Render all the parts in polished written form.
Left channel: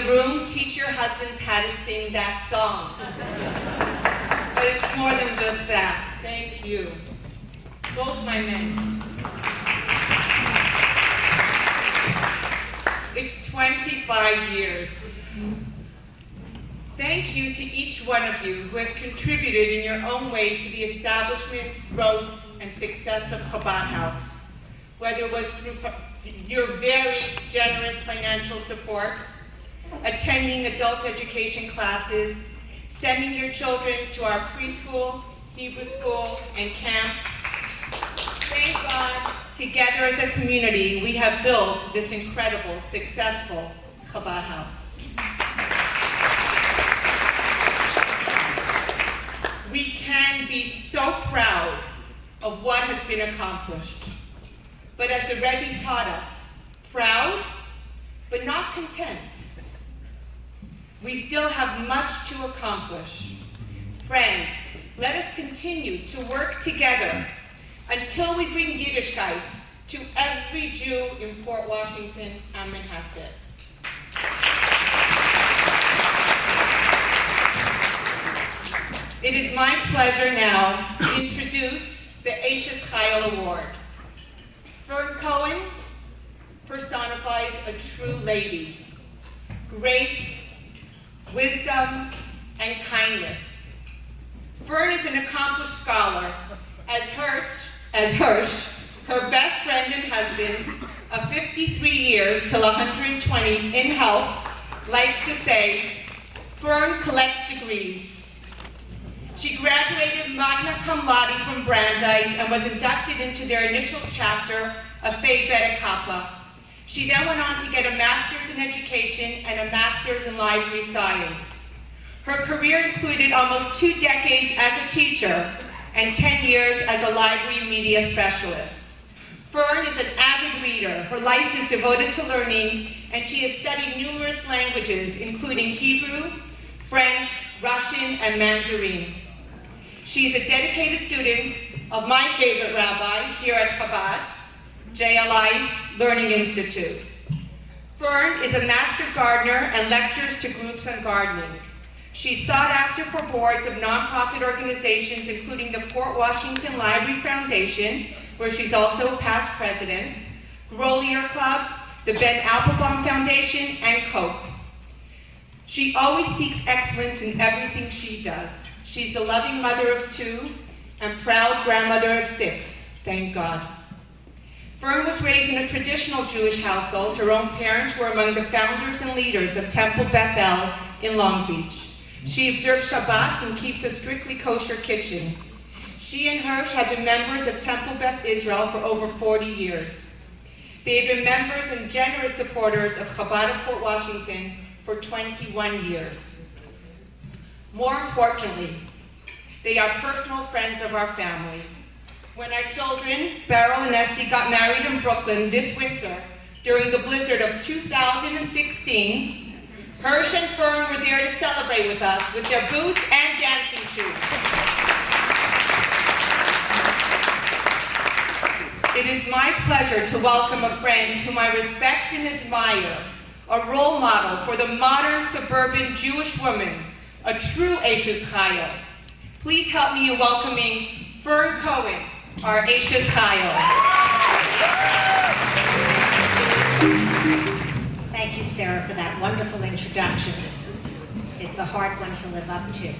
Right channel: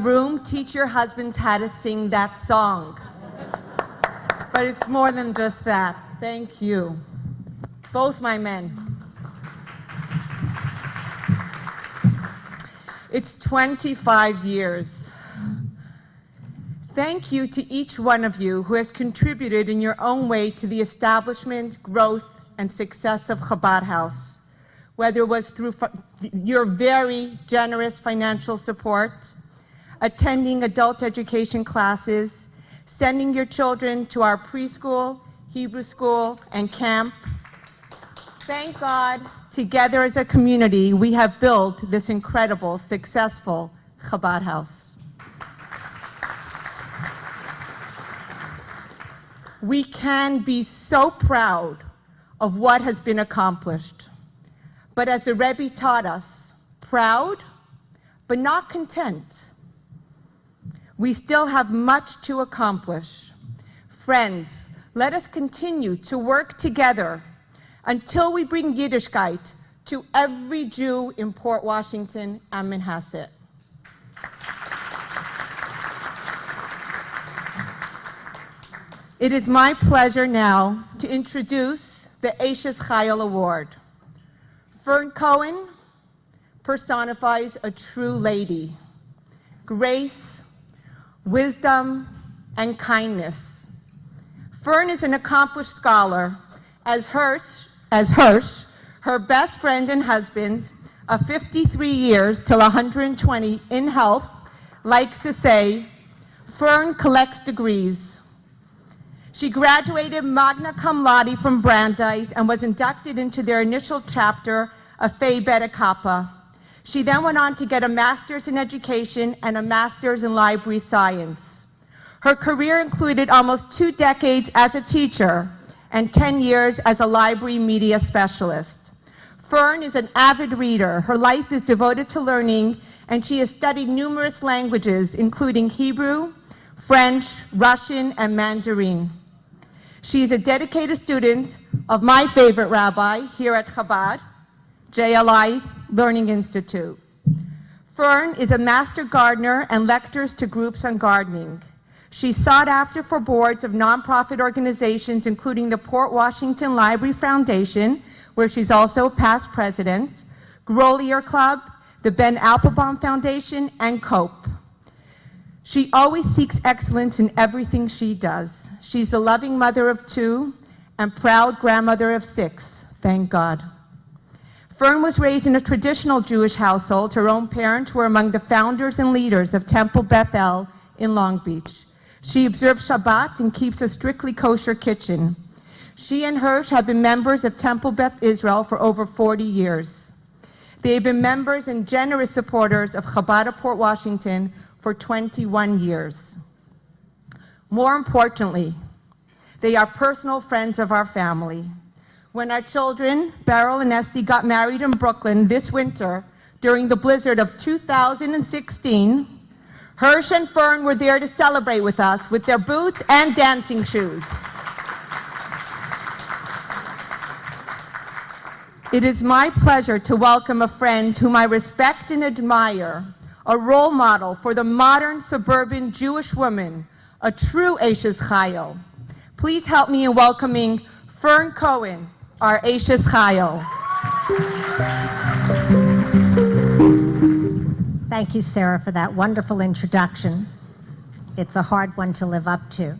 the room, teach your husbands how to sing that song. But it's more than just that. Thank you. Both my men. It's 25 years. Thank you to each one of you who has contributed in your own way to the establishment, growth, and success of Chabad House, whether it was through your very generous financial support, attending adult education classes, sending your children to our preschool, Hebrew school, and camp. Thank God, together as a community, we have built this incredible, successful Chabad House. We can be so proud of what has been accomplished. But as the Rebbe taught us, proud, but not content. We still have much to accomplish. Friends, let us continue to work together until we bring Yiddishkeit to every Jew in Port Washington and Manhasset. It is my pleasure now to introduce the Eishes Chayil Award. Fern Cohen personifies a true lady, grace, wisdom, and kindness. Fern is an accomplished scholar, as Hirsch, her best friend and husband of 53 years till 120 in health, likes to say, Fern collects degrees. She graduated magna cum laude from Brandeis and was inducted into their initial chapter of Phi Beta Kappa. She then went on to get a master's in education and a master's in library science. Her career included almost 2 decades as a teacher and 10 years as a library media specialist. Fern is an avid reader. Her life is devoted to learning, and she has studied numerous languages, including Hebrew, French, Russian, and Mandarin. She's a dedicated student of my favorite rabbi here at Chabad, JLI Learning Institute. Fern is a master gardener and lectures to groups on gardening. She's sought after for boards of nonprofit organizations, including the Port Washington Library Foundation, where she's also past president, Grolier Club, the Ben Applebaum Foundation, and COPE. She always seeks excellence in everything she does. She's a loving mother of 2 and proud grandmother of 6, thank God. Fern was raised in a traditional Jewish household. Her own parents were among the founders and leaders of Temple Beth El in Long Beach. She observes Shabbat and keeps a strictly kosher kitchen. She and Hirsch have been members of Temple Beth Israel for over 40 years. They've been members and generous supporters of Chabad of Port Washington for 21 years. More importantly, they are personal friends of our family. When our children, Beryl and Esty, got married in Brooklyn this winter during the blizzard of 2016, Hirsch and Fern were there to celebrate with us with their boots and dancing shoes. It is my pleasure to welcome a friend whom I respect and admire, a role model for the modern suburban Jewish woman, a true Eishes Chayil. Please help me in welcoming Fern Cohen, our Eishes Chayil. Thank you, Sarah, for that wonderful introduction. It's a hard one to live up to.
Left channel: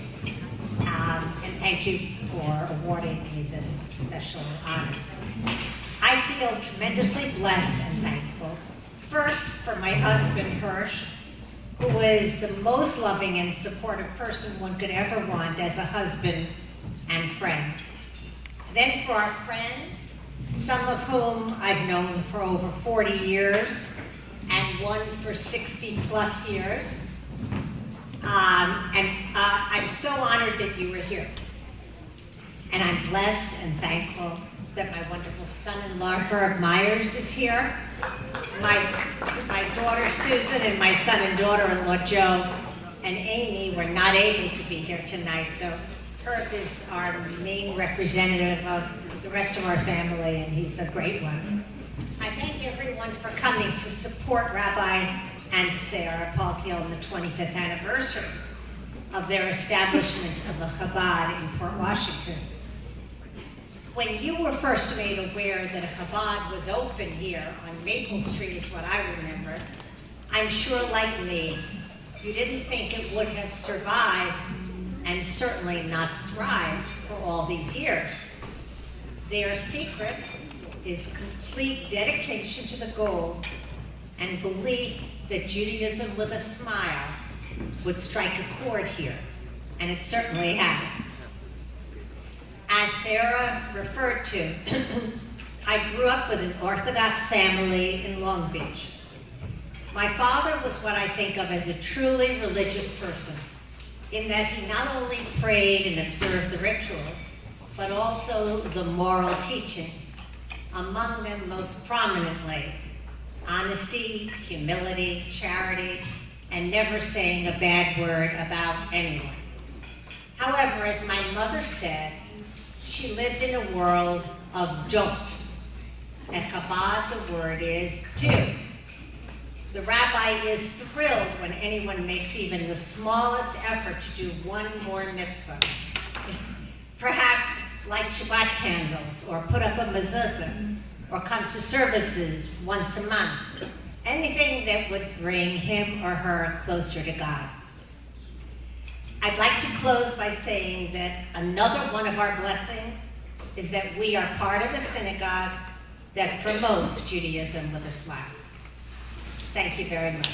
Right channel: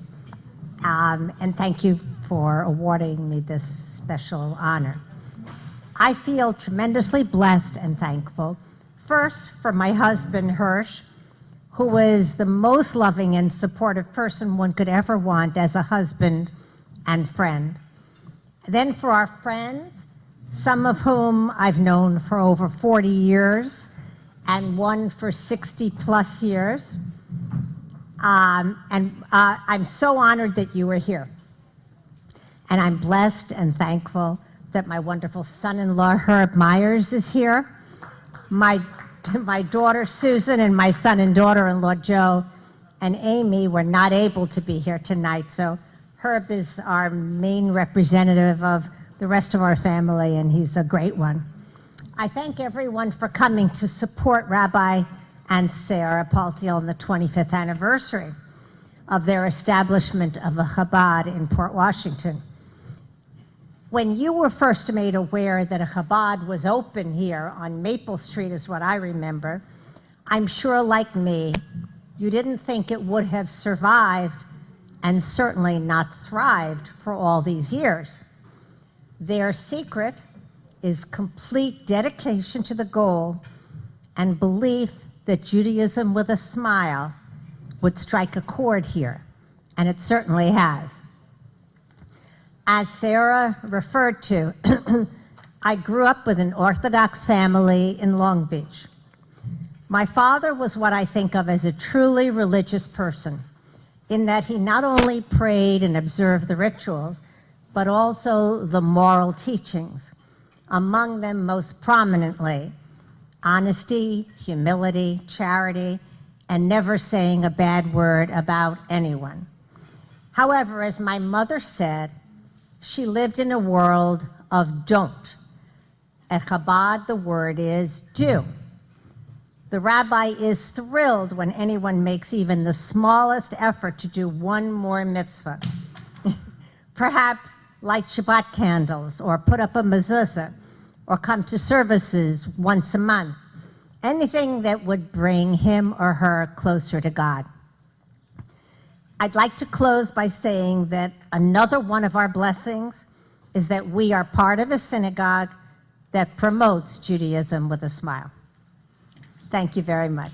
And thank you for awarding me this special honor. I feel tremendously blessed and thankful. First, for my husband, Hirsch, who is the most loving and supportive person one could ever want as a husband and friend. Then for our friends, some of whom I've known for over 40 years, and one for 60 plus years. I'm so honored that you were here. And I'm blessed and thankful that my wonderful son-in-law, Herb Myers, is here. My daughter, Susan, and my son and daughter-in-law, Joe, and Amy were not able to be here tonight, so Herb is our main representative of the rest of our family, and he's a great one. I thank everyone for coming to support Rabbi and Sara Paltiel on the 25th anniversary of their establishment of a Chabad in Port Washington. When you were first made aware that a Chabad was open here on Maple Street is what I remember, I'm sure like me, you didn't think it would have survived and certainly not thrived for all these years. Their secret is complete dedication to the goal and belief that Judaism with a smile would strike a chord here, and it certainly has. As Sara referred to, I grew up with an Orthodox family in Long Beach. My father was what I think of as a truly religious person, in that he not only prayed and observed the rituals, but also the moral teachings, among them most prominently, honesty, humility, charity, and never saying a bad word about anyone. However, as my mother said, she lived in a world of don't. At Chabad, the word is do. The rabbi is thrilled when anyone makes even the smallest effort to do one more mitzvah. Perhaps light Shabbat candles, or put up a mezuzah, or come to services once a month. Anything that would bring him or her closer to God. I'd like to close by saying that another one of our blessings is that we are part of a synagogue that promotes Judaism with a smile. Thank you very much.